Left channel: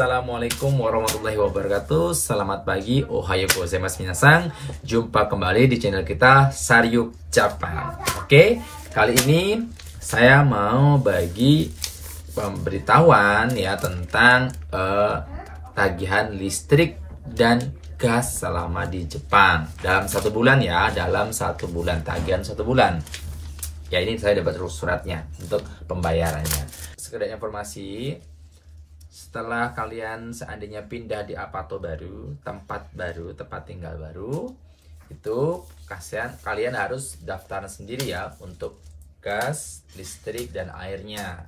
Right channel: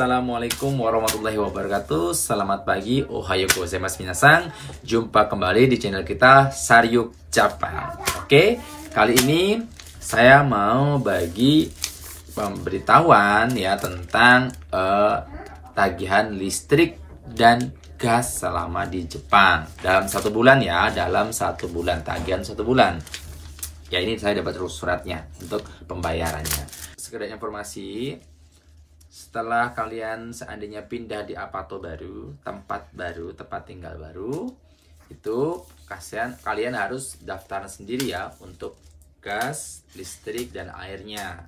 Assalamualaikum warahmatullahi wabarakatuh. Selamat pagi, ohayo gozaimasu minasang. Jumpa kembali di channel kita Saryuk Jepang. Oke, kali ini saya mau bagi pemberitahuan ya tentang tagihan listrik dan gas selama di Jepang dalam 1 bulan ya, dalam 1 bulan, tagihan 1 bulan. Ya, ini saya dapat suratnya untuk pembayarannya. Sekedar informasi, setelah kalian seandainya pindah di apartemen baru, tempat tinggal baru, itu kalian harus daftar sendiri ya untuk gas, listrik, dan airnya.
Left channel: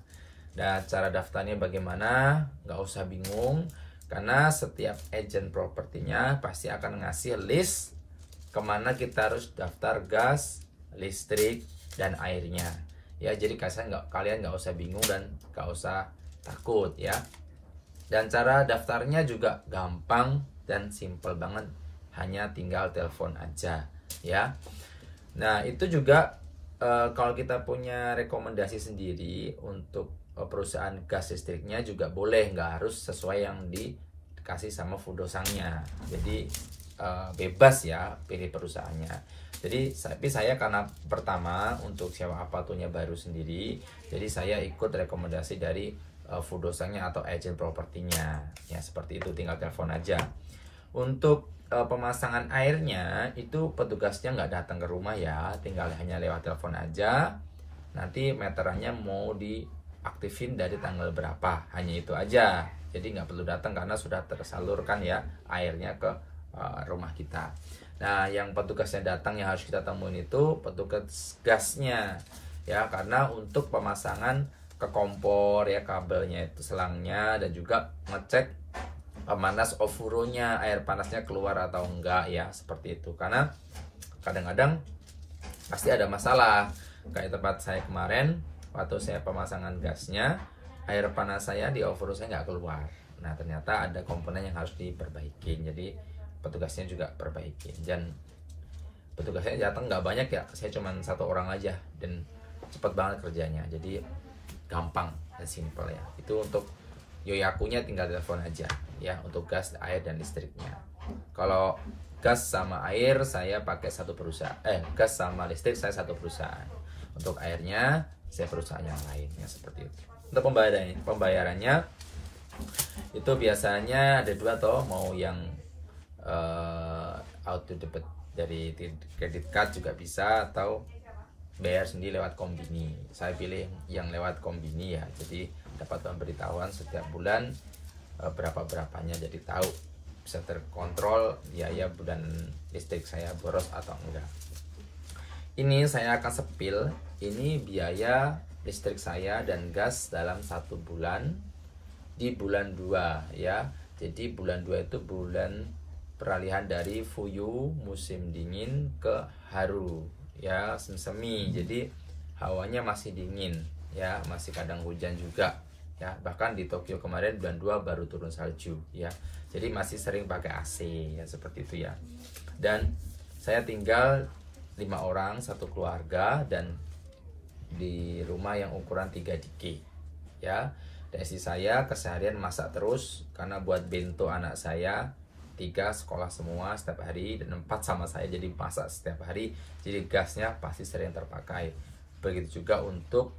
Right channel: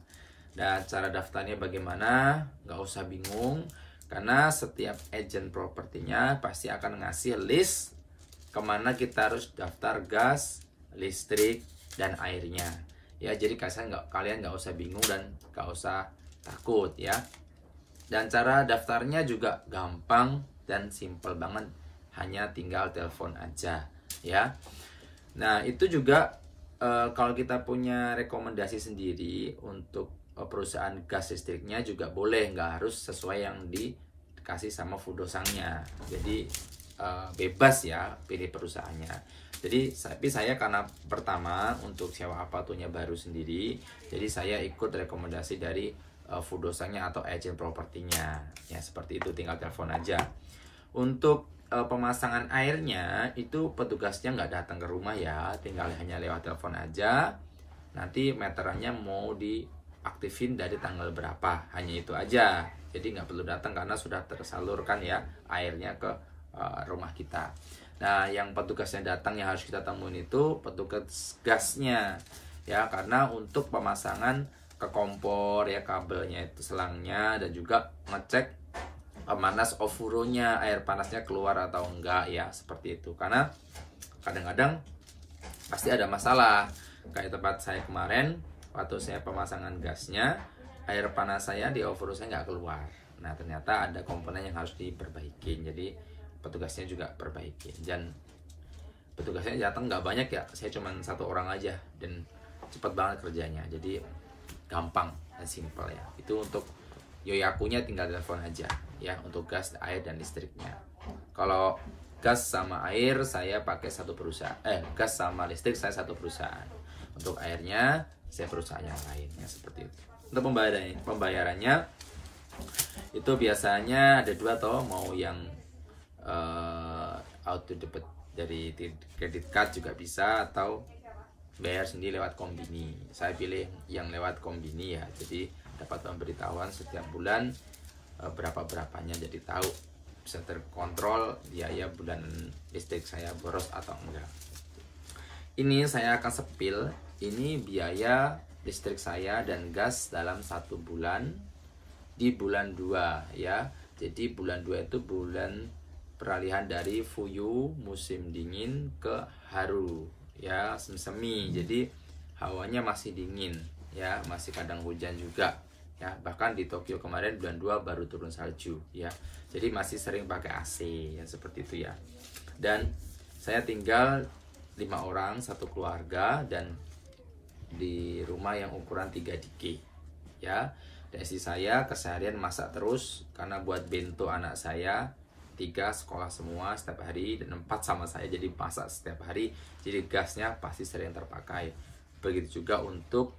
Dan cara daftarnya bagaimana? Nggak usah bingung, karena setiap agen propertinya pasti akan ngasih list kemana kita harus daftar gas, listrik, dan airnya. Ya, jadi kalian nggak usah bingung dan nggak usah takut ya. Dan cara daftarnya juga gampang dan simple banget, hanya tinggal telepon aja ya. Nah, itu juga kalau kita punya rekomendasi sendiri untuk perusahaan gas listriknya juga boleh, nggak harus sesuai yang dikasih sama Fudosangnya. Jadi bebas ya pilih perusahaannya. Tapi saya karena pertama untuk sewa apartemennya baru sendiri, jadi saya ikut rekomendasi dari Fudosangnya atau agent propertinya ya, seperti itu, tinggal telepon aja. Untuk pemasangan airnya itu petugasnya nggak datang ke rumah ya, tinggal hanya lewat telepon aja. Nanti meterannya mau diaktifin dari tanggal berapa, hanya itu aja. Jadi nggak perlu datang karena sudah tersalurkan ya airnya ke rumah kita. Nah, yang petugasnya datang yang harus kita temuin itu petugas gasnya ya, karena untuk pemasangan ke kompor ya, kabelnya itu, selangnya, dan juga ngecek panas ofuro-nya, air panasnya keluar atau enggak ya, seperti itu. Karena kadang-kadang pasti ada masalah, kayak tempat saya kemarin waktu saya pemasangan gasnya, air panas saya di ofuro saya nggak keluar. Nah, ternyata ada komponen yang harus diperbaikin, jadi petugasnya juga perbaikin. Dan petugasnya datang nggak banyak ya, saya cuma 1 orang aja dan cepet banget kerjanya, jadi gampang dan simple ya. Itu untuk yoyakunya tinggal telepon aja ya, untuk gas, air, dan listriknya. Kalau gas sama air saya pakai satu perusahaan, gas sama listrik saya satu perusahaan. Untuk airnya saya perusahaan yang lain ya, seperti itu. Untuk pembayarannya itu biasanya ada 2 toh, mau yang auto debit dari credit card juga bisa, atau bayar sendiri lewat kombini. Saya pilih yang lewat kombini ya, jadi dapat pemberitahuan setiap bulan berapanya, jadi tahu, bisa terkontrol biaya bulan listrik saya boros atau enggak. Ini saya akan sepil ini biaya listrik saya dan gas dalam 1 bulan di bulan 2 ya. Jadi bulan 2 itu bulan peralihan dari Fuyu musim dingin ke Haru ya, semi. Jadi hawanya masih dingin ya, masih kadang hujan juga ya. Bahkan di Tokyo kemarin bulan 2 baru turun salju ya. Jadi masih sering pakai AC ya, seperti itu ya. Dan saya tinggal 5 orang, 1 keluarga, dan di rumah yang ukuran 3 DK ya. Dan istri saya keseharian masak terus, karena buat bento anak saya 3 sekolah semua setiap hari, dan 4 sama saya, jadi masak setiap hari, jadi gasnya pasti sering terpakai. Begitu juga untuk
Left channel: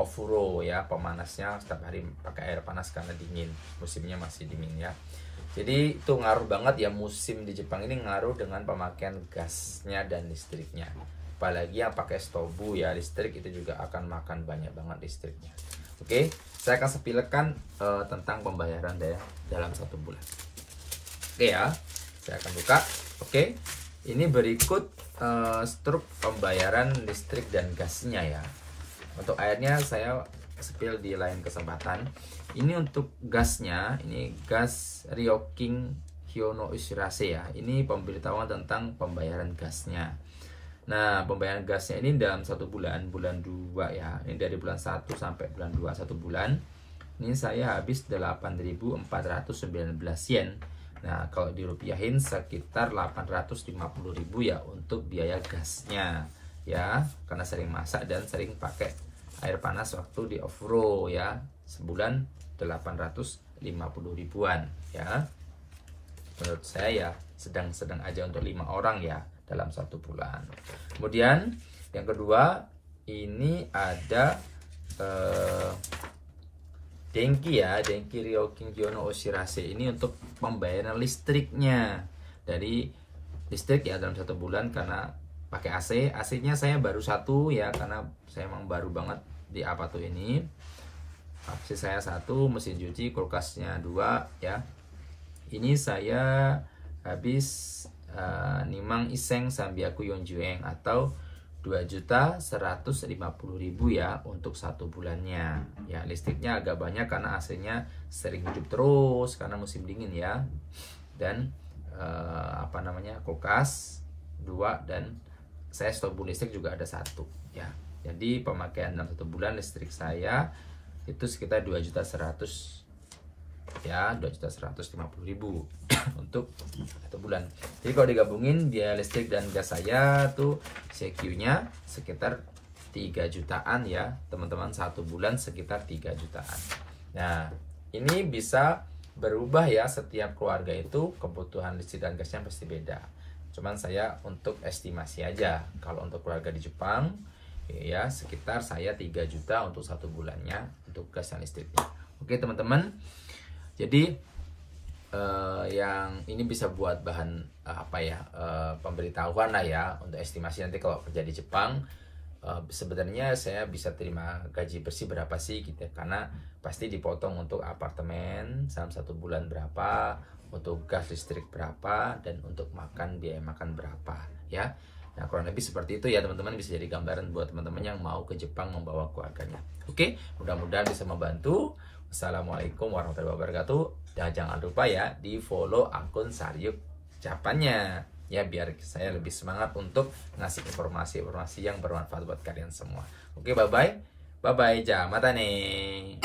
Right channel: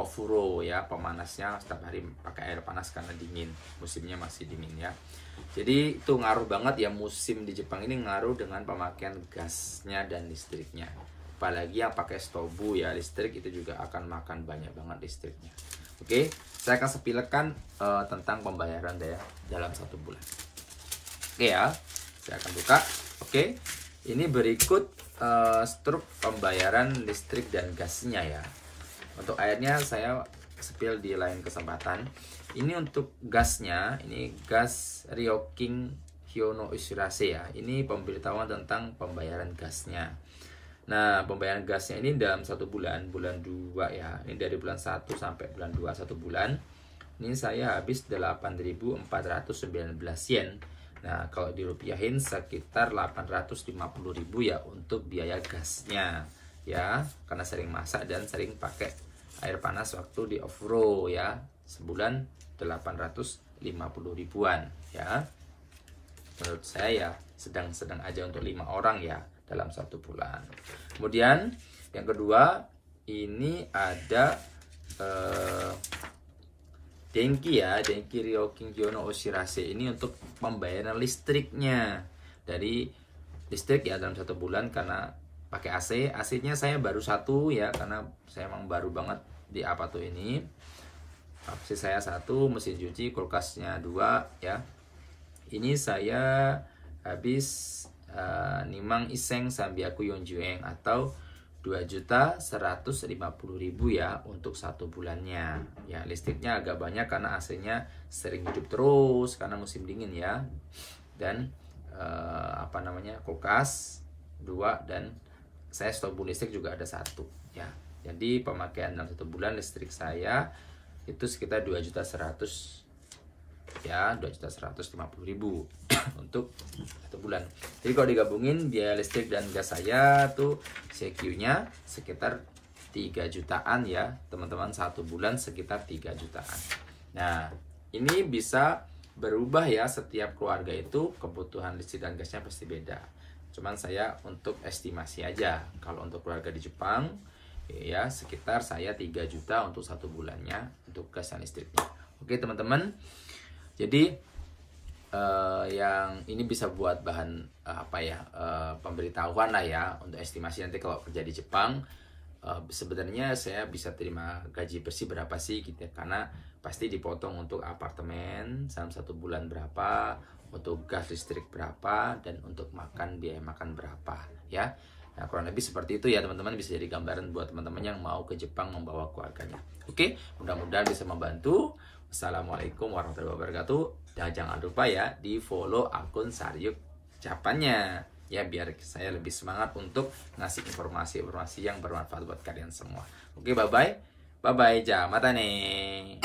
ofuro ya, pemanasnya setiap hari pakai air panas karena dingin, musimnya masih dingin ya. Jadi itu ngaruh banget ya, musim di Jepang ini ngaruh dengan pemakaian gasnya dan listriknya. Apalagi yang pakai stobu ya, listrik itu juga akan makan banyak banget listriknya. Oke, saya akan sepilkan tentang pembayaran dalam 1 bulan. Oke ya, saya akan buka. Oke, ini berikut struk pembayaran listrik dan gasnya ya. Untuk airnya saya sepil di lain kesempatan. Ini untuk gasnya, ini gas Ryokin Hyono Ushirase ya. Ini pemberitahuan tentang pembayaran gasnya. Nah, pembayaran gasnya ini dalam 1 bulan, bulan 2 ya. Ini dari bulan 1 sampai bulan 2, 1 bulan. Ini saya habis 8.419 yen. Nah, kalau dirupiahin sekitar 850.000 ya untuk biaya gasnya ya, karena sering masak dan sering pakai air panas waktu di ofuro ya. Sebulan 850.000 50 ribuan ya. Menurut saya ya sedang-sedang aja untuk 5 orang ya dalam 1 bulan. Kemudian yang kedua ini ada Denki ya, Denki Ryokin Gyono Oshirase. Ini untuk pembayaran listriknya. Dari listrik ya dalam 1 bulan karena pakai AC. AC-nya saya baru 1 ya, karena saya emang baru banget di Apato ini. AC saya 1, mesin cuci, kulkasnya 2 ya. Ini saya habis Nimang Iseng Sambiaku Yonjueng atau 2.150.000 ya untuk 1 bulannya. Ya, listriknya agak banyak karena AC-nya sering hidup terus karena musim dingin ya. Dan kulkas 2 dan saya stok listrik juga ada 1 ya. Jadi pemakaian dalam 1 bulan listrik saya itu sekitar 2.100.000 ya, 2.150.000 untuk 1 bulan. Jadi kalau digabungin biaya listrik dan gas saya tuh CQ-nya sekitar 3 jutaan ya teman-teman, 1 bulan sekitar 3 jutaan. Nah ini bisa berubah ya, setiap keluarga itu kebutuhan listrik dan gasnya pasti beda. Cuman saya untuk estimasi aja, kalau untuk keluarga di Jepang ya sekitar saya 3 juta untuk 1 bulannya untuk gas dan listriknya. Oke teman-teman, jadi yang ini bisa buat bahan pemberitahuan lah ya untuk estimasi nanti kalau kerja di Jepang. Sebenarnya saya bisa terima gaji bersih berapa sih gitu ya, karena pasti dipotong untuk apartemen dalam 1 bulan berapa, untuk gas listrik berapa, dan untuk makan biaya makan berapa ya. Nah kurang lebih seperti itu ya teman-teman, bisa jadi gambaran buat teman-teman yang mau ke Jepang membawa keluarganya. Oke, mudah-mudahan bisa membantu. Wassalamualaikum warahmatullahi wabarakatuh. Dan jangan lupa ya di follow akun Saryuk Japannya ya, biar saya lebih semangat untuk ngasih informasi-informasi yang bermanfaat buat kalian semua. Oke, bye bye, ja mata ne.